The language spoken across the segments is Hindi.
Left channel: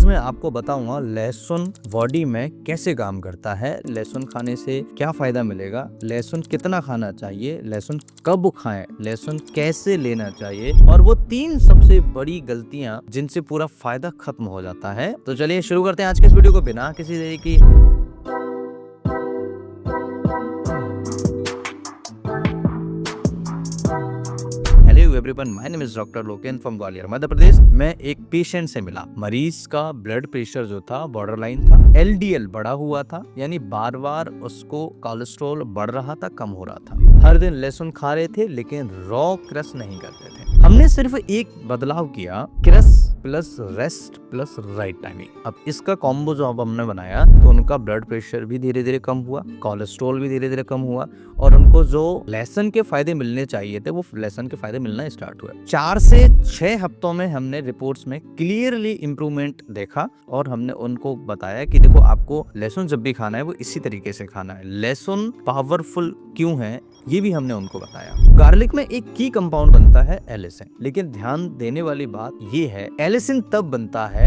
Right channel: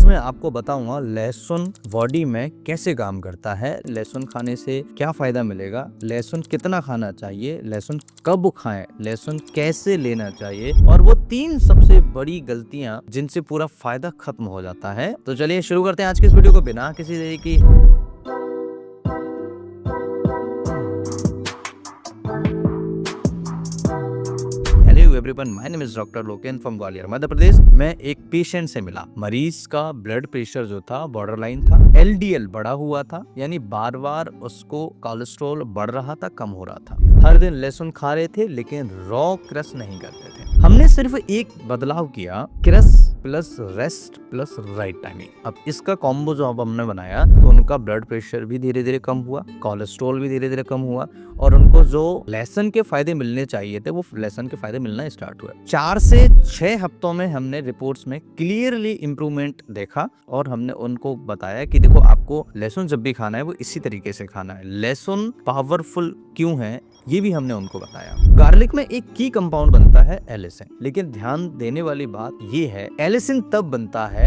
आज मैं आपको बताऊंगा लहसुन बॉडी में कैसे काम करता है, लहसुन खाने से क्या फायदा मिलेगा, लहसुन कितना खाना चाहिए, लहसुन कब खाएं, लहसुन कैसे लेना चाहिए और वो 3 सबसे बड़ी गलतियां जिनसे पूरा फायदा खत्म हो जाता है। तो चलिए शुरू करते हैं आज के इस वीडियो को बिना किसी देरी की। Hello everyone, my name is doctor Loken from Gwalior Madhya Pradesh. मैं एक पेशेंट से मिला। मरीज का ब्लड प्रेशर जो था बॉर्डर लाइन था, एलडीएल बढ़ा हुआ था, यानी बार बार उसको कोलेस्ट्रॉल बढ़ रहा था, कम हो रहा था। हर दिन लहसुन खा रहे थे लेकिन रॉ क्रश नहीं करते थे। हमने सिर्फ एक बदलाव किया, crush plus rest plus right timing. अब इसका कॉम्बो जो अब हमने बनाया तो उनका ब्लड प्रेशर भी धीरे धीरे कम हुआ, कोलेस्ट्रॉल भी धीरे धीरे कम हुआ और उनको जो लहसुन के फायदे मिलने चाहिए थे वो लहसुन के फायदे मिलना स्टार्ट हुए। 4 से 6 हफ्तों में हमने रिपोर्ट्स में क्लियरली इंप्रूवमेंट देखा और हमने उनको बताया कि देखो, आपको लहसुन जब भी खाना है वो इसी तरीके से खाना है। लहसुन पावरफुल क्यों है ये भी हमने उनको बताया। गार्लिक में एक की कंपाउंड बनता है एलिसिन, लेकिन ध्यान देने वाली बात ये है, एलिसिन तब बनता है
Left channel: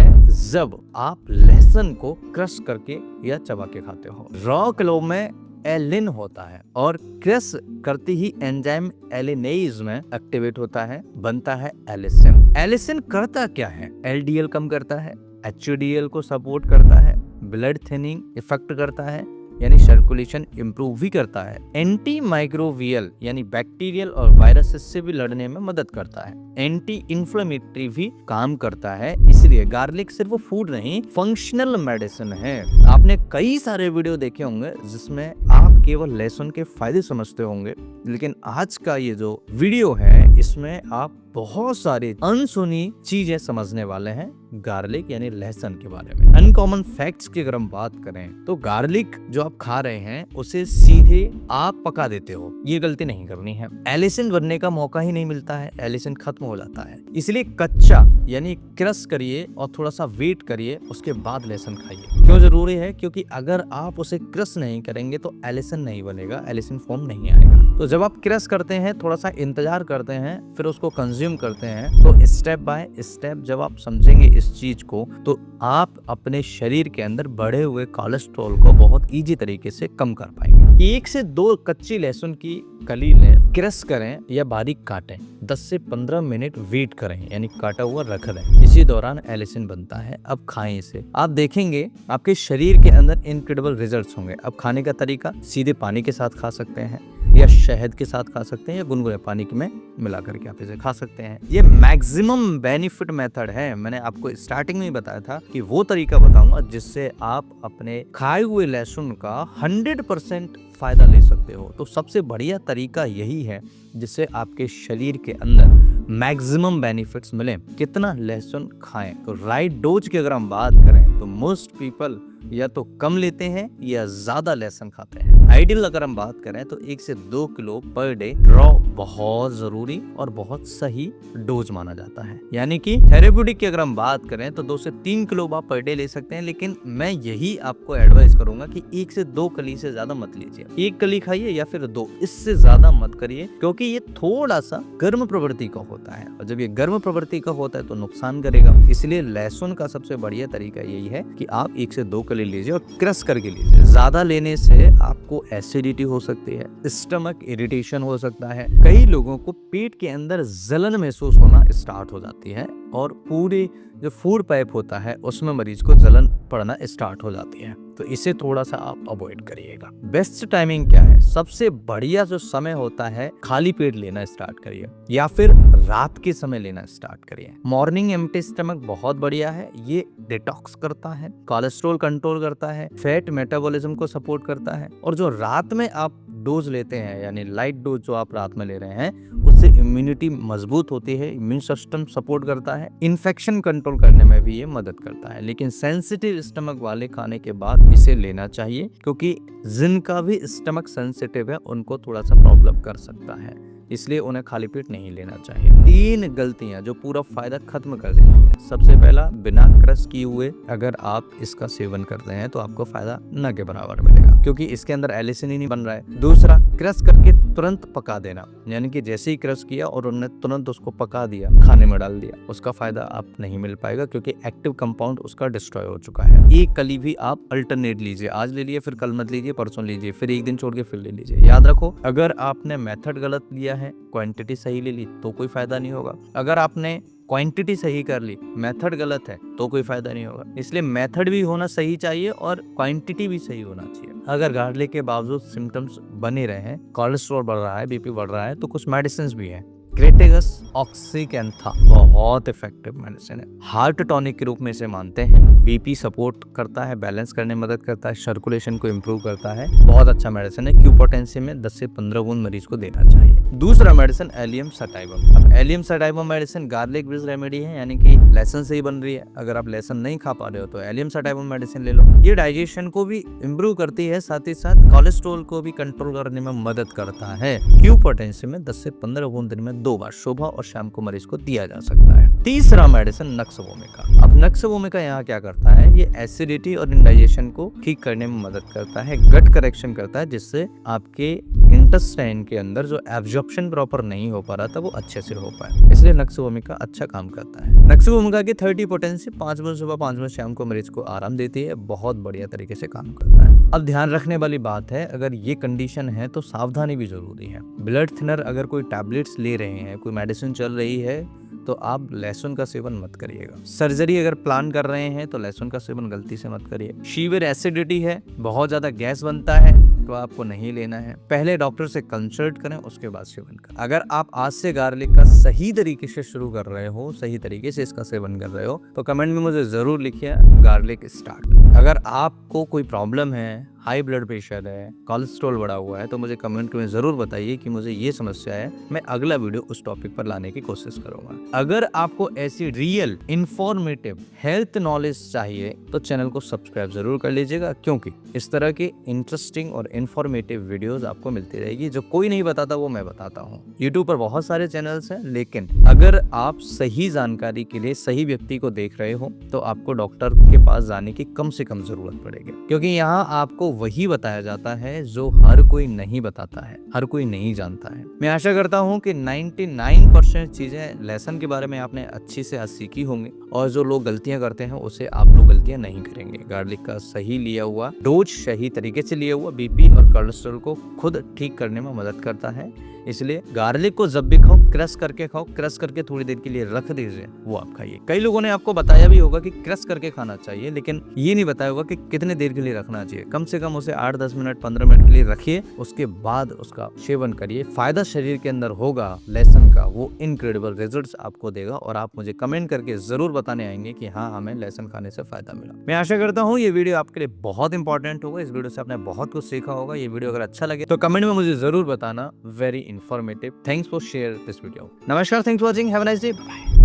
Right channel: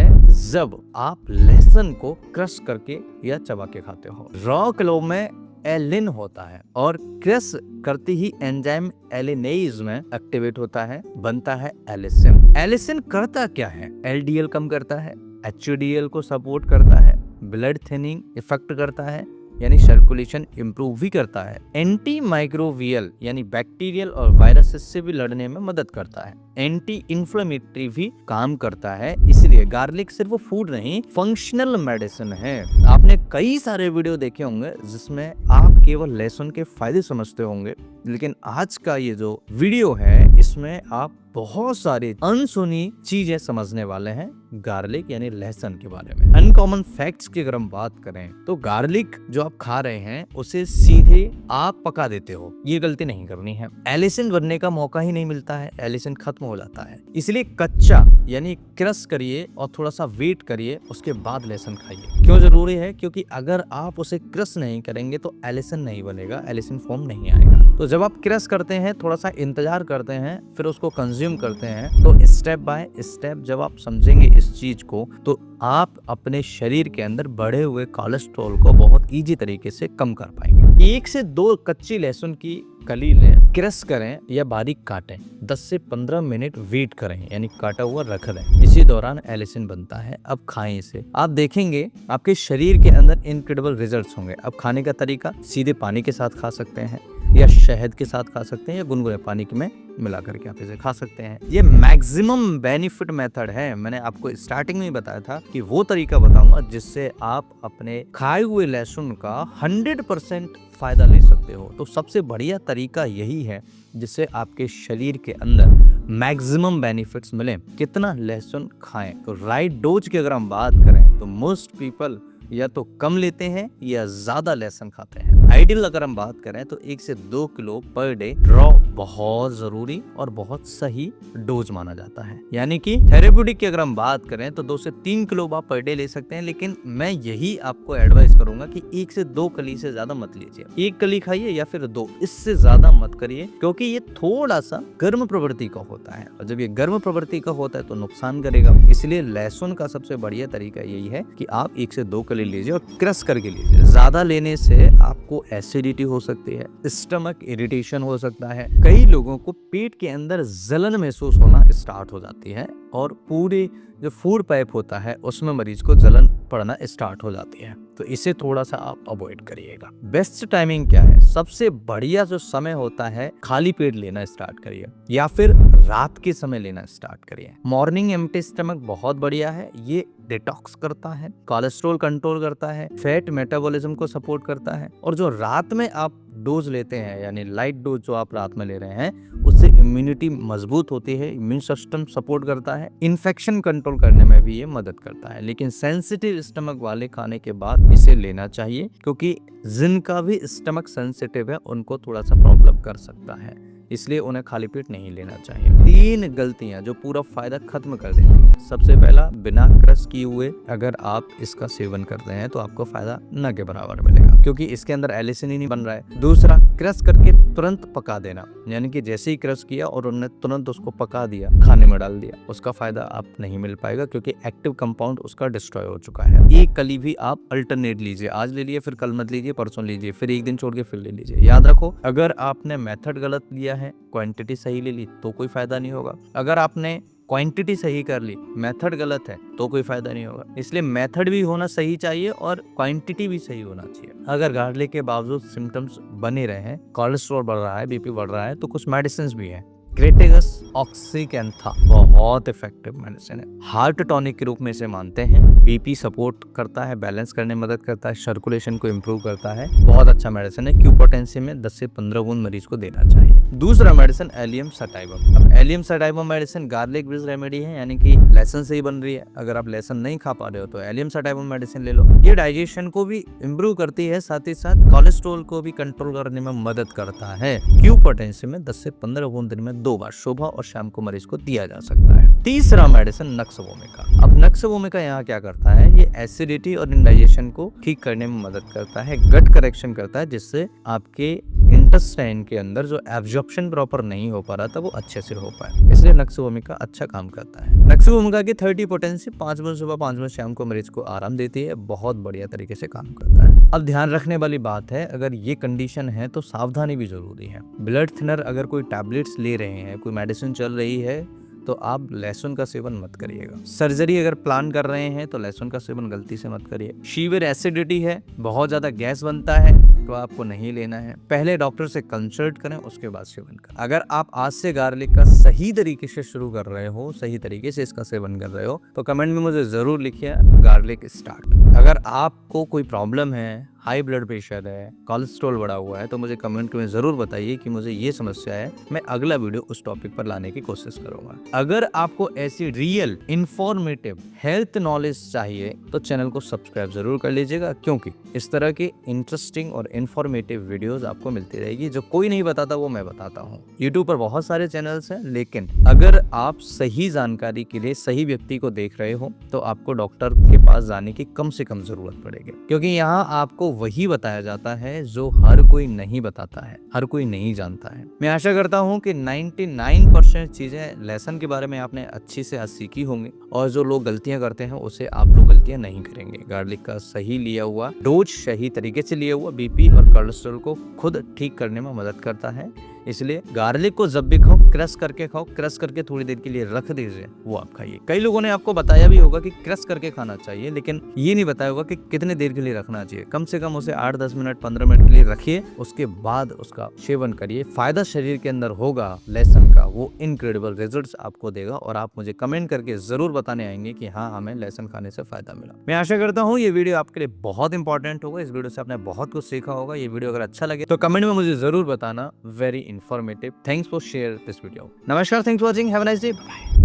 जब आप लहसुन को क्रश करके या चबा के खाते हो। रॉ क्लो में एलिन होता है और क्रश करते ही एंजाइम एलिनेज में एक्टिवेट होता है, बनता है एलिसिन। एलिसिन करता क्या है? एलडीएल कम करता है, एचडीएल को सपोर्ट करता है, ब्लड थिनिंग इफेक्ट करता है, यानी सर्कुलेशन इंप्रूव भी करता है, एंटी माइक्रोवियल यानी बैक्टीरियल और वायरसेस से भी लड़ने में मदद करता है, एंटी इन्फ्लेमेटरी भी काम करता है। इसलिए गार्लिक सिर्फ फूड नहीं, फंक्शनल मेडिसिन है। आपने कई सारे वीडियो देखे होंगे जिसमें आप केवल लहसुन के फायदे समझते होंगे, लेकिन आज का ये जो वीडियो है इसमें आप बहुत सारी अनसुनी चीजें समझने वाले हैं गार्लिक यानी लहसुन के बारे में। अनकॉमन फैक्ट्स की अगर हम बात करें तो गार्लिक जो आप खा रहे हैं उसे सीधे आप पका देते हो, ये गलती नहीं करनी है। एलिसिन बनने का मौका ही नहीं मिलता है, एलिसिन खत्म हो जाता है। इसलिए कच्चा यानी क्रश करिए और थोड़ा सा वेट करिए, उसके बाद लहसुन खाइए। क्यों जरूरी है? क्योंकि अगर आप उसे क्रश नहीं करेंगे तो एलिसिन नहीं बनेगा, एलिसिन फॉर्म नहीं आएगा। तो जब आप क्रश करते हैं, थोड़ा सा इंतजार करते हैं, फिर उसको कंज्यूम करते हैं, तो स्टेप बाय स्टेप जब आप समझेंगे इस चीज को तो आप अपने शरीर के अंदर बढ़े हुए कोलेस्ट्रॉल को बहुत इजी तरीके से कम कर पाएंगे। 1 से 2 कच्ची लहसुन की कली लें, क्रश करें या बारीक काटें, 10 से 15 मिनट वेट करें यानी काटा हुआ रख दें। इसी दौरान एलिसिन बनता है। अब खाएं इसे, आप देखेंगे आपके शरीर के अंदर इनक्रेडिबल रिजल्ट्स होंगे। अब खाने का तरीका, सीधे पानी के साथ खा सकते हैं या शहद के साथ खा सकते हैं या गुनगुने पानी में मिला करके आप इसे खा सकते हैं। ये मैक्सिमम बेनिफिट मेथड है। मैंने आपको स्टार्टिंग में बताया था कि वो तरीका बताऊंगा जिससे आप अपने खाए हुए लहसुन का 100% फायदा ले सकते हो। तो सबसे बढ़िया तरीका यही है जिससे आपके शरीर के अंदर मैक्सिमम बेनिफिट्स मिले। कितना लहसुन खाएं? तो राइट डोज की अगर हम बात करें तो मोस्ट पीपल या तो कम लेते हैं या ज्यादा लहसुन खाते हैं। आइडियल अगर हम बात करें तो 1 से 2 किलो पर डे रॉ बहुत जरूरी और बहुत सही डोज माना जाता है। यानी कि थेरेप्यूटिक की अगर हम बात करें तो 2 से 3 किलो आप पर डे ले सकते हैं, लेकिन मैं यही आपको एडवाइस करूंगा कि 1 से 2 कली से ज्यादा मत लीजिए। 1 कली खाइए या फिर 2, इससे ज्यादा मत करिए, क्योंकि ये थोड़ा सा गर्म प्रवृत्ति का होता है और जब ये गर्म प्रवृत्ति का होता है तो नुकसान करेगा। इसलिए लहसुन का सबसे बढ़िया तरीका यही है कि आप 1 से 2 कली लीजिए और क्रश करके लीजिए। ज्यादा लेने से आपको एसिडिटी हो सकती है, स्टमक इरिटेशन हो सकता है, कई लोगों को पेट के अंदर जलन महसूस होना स्टार्ट हो जाती है और पूरे जो फूड पाइप होता है उसमें मरीज को जलन पड़ना स्टार्ट हो जाती है। तो इसे थोड़ा सा आप अवॉइड करिएगा। बेस्ट टाइमिंग क्या है? सबसे बढ़िया जो समय होता है, खाली पेट लेना स्टार्ट करिए या फिर रात के समय लेना स्टार्ट करिए। मॉर्निंग एम्प्टी स्टमक बहुत बढ़िया है, ये डिटॉक्स करता है, कोलेस्ट्रॉल कंट्रोल करता है, फैट मेटाबॉलिज्म को सपोर्ट करता है। और जो रात में आप डोज लेते हैं यानी लाइट डोज जो आप रात में ले रहे हैं, उससे इम्यूनिटी मजबूत होती है, इम्यून सिस्टम सपोर्ट करता है, इन्फेक्शन कंट्रोल करने में भी ये मदद करता है। लेकिन सेंसिटिव स्टमक वाले खाने के बाद इसे लेना चाहिए, क्योंकि जिनका भी स्टमक सेंसिटिव है उनको थोड़ा सा प्रॉब्लम कर सकता है। इसलिए उन्हें खाली पेट नहीं लेना चाहिए। 3 गलतियां जो पूरा फायदा खत्म कर देती हैं। सबसे पहला, बिना क्रश किए हुए अगर आप इसका सेवन करते हैं तो आपको फायदा न के बराबर मिलेगा, क्योंकि इसके अंदर एलिसिन ही नहीं बन रहा है। दूसरा, क्रश करके तुरंत पका देना, यानी कि जैसे ही क्रश किया और उन्होंने तुरंत उसको पका दिया, खाने में डाल दिया, उसका फायदा आप नहीं मिल पाएगा, क्योंकि एक्टिव कंपाउंड उसका डिस्ट्रॉय हो चुका है। एक कली भी आप अल्टरनेट लीजिए, आज ले लिए फिर कल मत लीजिए, परसों लीजिए, फिर एक दिन छोड़ के फिर ले लीजिए। याद रखो, अगर आपने मेथड गलत लिया है, क्वांटिटी सही ले ली तो कोई फायदा नहीं होगा। अगर आपने क्वांटिटी सही कर ली, मेथड गलत है तो कोई फायदा नहीं होगा। इसलिए मेथड भी होना सही चाहिए और क्वांटिटी भी सही होना चाहिए। अगर गार्लिक के बावजूद सिम्टम्स बने रहे हैं, कोलेस्ट्रॉल बढ़ रहा है, बीपी बढ़ रहा है, तो कुछ मेडिसिन भी हैं। क्रेटेगस ऑक्सीकैंथा बहुत इफेक्टिव मेडिसिन है, हार्ट टॉनिक के रूप में इसे मानते हैं। बीपी सपोर्ट करता है, बैलेंस करने में मदद करता है, सर्कुलेशन को इम्प्रूव करता है, बहुत अच्छा मेडिसिन है। क्यू पोटेंशियम में 10 से 15 बूंद मरीज को देना चाहिए। दूसरा मेडिसिन एलियम सटाइवम। अब allium sativum medicine garlic based remedy है, यानी कि लहसुन से ही बन रही है। अगर आप लहसुन नहीं खा पा रहे हो तो एलियम सटाइवम मेडिसिन ले लो। ये डाइजेशन को भी इम्प्रूव करती है, साथ ही साथ कोलेस्ट्रॉल को भी कंट्रोल करने में मदद करता है। क्यू पोटेंशियम में 10 से 15 बूंद दिन में 2 बार सुबह और शाम को मरीज को दिया जा सकता है। तीसरा मेडिसिन नक्स वोमिका। अब नक्स वोमिका यहाँ क्या करता है, ये एसिडिटी और इंडाइजेशन को ठीक करने में मदद करता है, गट करेक्शन करता है, जिससे आपके इंटेस्टाइन के अंदर जो एब्जॉर्प्शन प्रॉपर नहीं हो पा रहा था वो अच्छे से हो पाए। इसलिए नक्स वोमिका अच्छा काम करता है। नक्स वोमिका की 30 पोटेंसी 5 बजे सुबह 5 बजे शाम को मरीज को आराम देती है, बहुत बढ़िया तरीके से काम करता है। अब ध्यान रखने वाली बात है, अगर ये कंडीशन है तो सावधानी भी जरूरी है। ब्लड थिनर अगर कोई टैबलेट्स ले रहे हैं, कोई मेडिसिन चल रही है, तो आप लहसुन का सेवन मत करिएगा। सर्जरी अगर प्लान कर रहे हैं तो लहसुन का सेवन गलती से मत करिए। सीवियर एसिडिटी है, बहुत ज्यादा गैस बनता है, तो आपको नहीं लेना है। पहले डॉक्टर से कंसल्ट करें, उसके बाद सेवन करें। अगर आप आज से गार्लिक का सही तरीके से शुरू कर रहे हो, सही तरीके से इसका सेवन कर रहे हो, तो कमेंट में मुझे जरूर लिखिए गार्लिक स्टार्ट। अगर आपको कोई प्रॉब्लम है, हाई ब्लड प्रेशर है, कोलेस्ट्रॉल बढ़ा हुआ है, तो मुझे कमेंट में जरूर बताइए कि मुझे ये समस्या है, मैं अगला वीडियो उस टॉपिक पर लाने की कोशिश करूंगा। अगर आपको ऐसी रियल इंफॉर्मेटिव हेल्थ नॉलेज चाहिए तो चैनल को सब्सक्राइब जरूर कर लीजिएगा, क्योंकि इस तरह की इंटरेस्टिंग और इंफॉर्मेटिव वीडियोस आपको मिलती रहेगी। जो कोई नहीं बताता वो मैं बताता हूँ। यूट्यूब पर बहुत सारे चैनल्स हैं, लेकिन अगर आप सही जानकारी के लिए सही व्यक्ति को देख रहे हो तो आपको डॉक्टर के पास जाने की कम से कम जरूरत पड़ेगी, क्योंकि यहाँ आपको वही बताया जाता है जो हर कोई नहीं बताता है, हर कोई नहीं जानता है। मैं आशा करता हूँ कि 99% चीजें लेसन के बारे में आपने अच्छी से सीखी होंगी, और जो लोग गलतियां करते हैं उसे आप लोग गलतियां नहीं करेंगे। गार्लिक का सही लिया हुआ डोज, सही तरीके से लिया हुआ बीपी और कोलेस्ट्रॉल को खुद ठीक करने में मदद करता है। इसलिए गार्लिक को जब भी खाओ, क्रश करके खाओ, क्रश करके थोड़ी देर के लिए रख दीजिए, वो आप खाइए। कई लोगों ने आपको बताया भी होगा कि क्रश करके खाना चाहिए, लेकिन ये नहीं बताया होगा कि कितने देर के लिए रखना चाहिए। कम से कम उसे 8-10 मिनट 15 मिनट के लिए रखिए, उसके बाद उसका सेवन करिए। फायदा शरीर के अंदर होगा लहसुन का, वो इनक्रेडिबल रिजल्ट्स आपको देगा, और आप मुझे कमेंट करके जरूर बताने आएंगे कि हाँ, हमें लहसुन खाने से फायदा मिला। मैं आशा करता हूँ ये वीडियो आपके लिए बहुत इंपॉर्टेंट होगा। इस वीडियो से आपने बहुत कुछ सीखा होगा। ये वीडियो अगर अच्छा लगे तो कमेंट में मुझे जरूर बताना। Very informative. Thanks for share this video. Namaskar, thanks for watching. Have a nice day. Bye.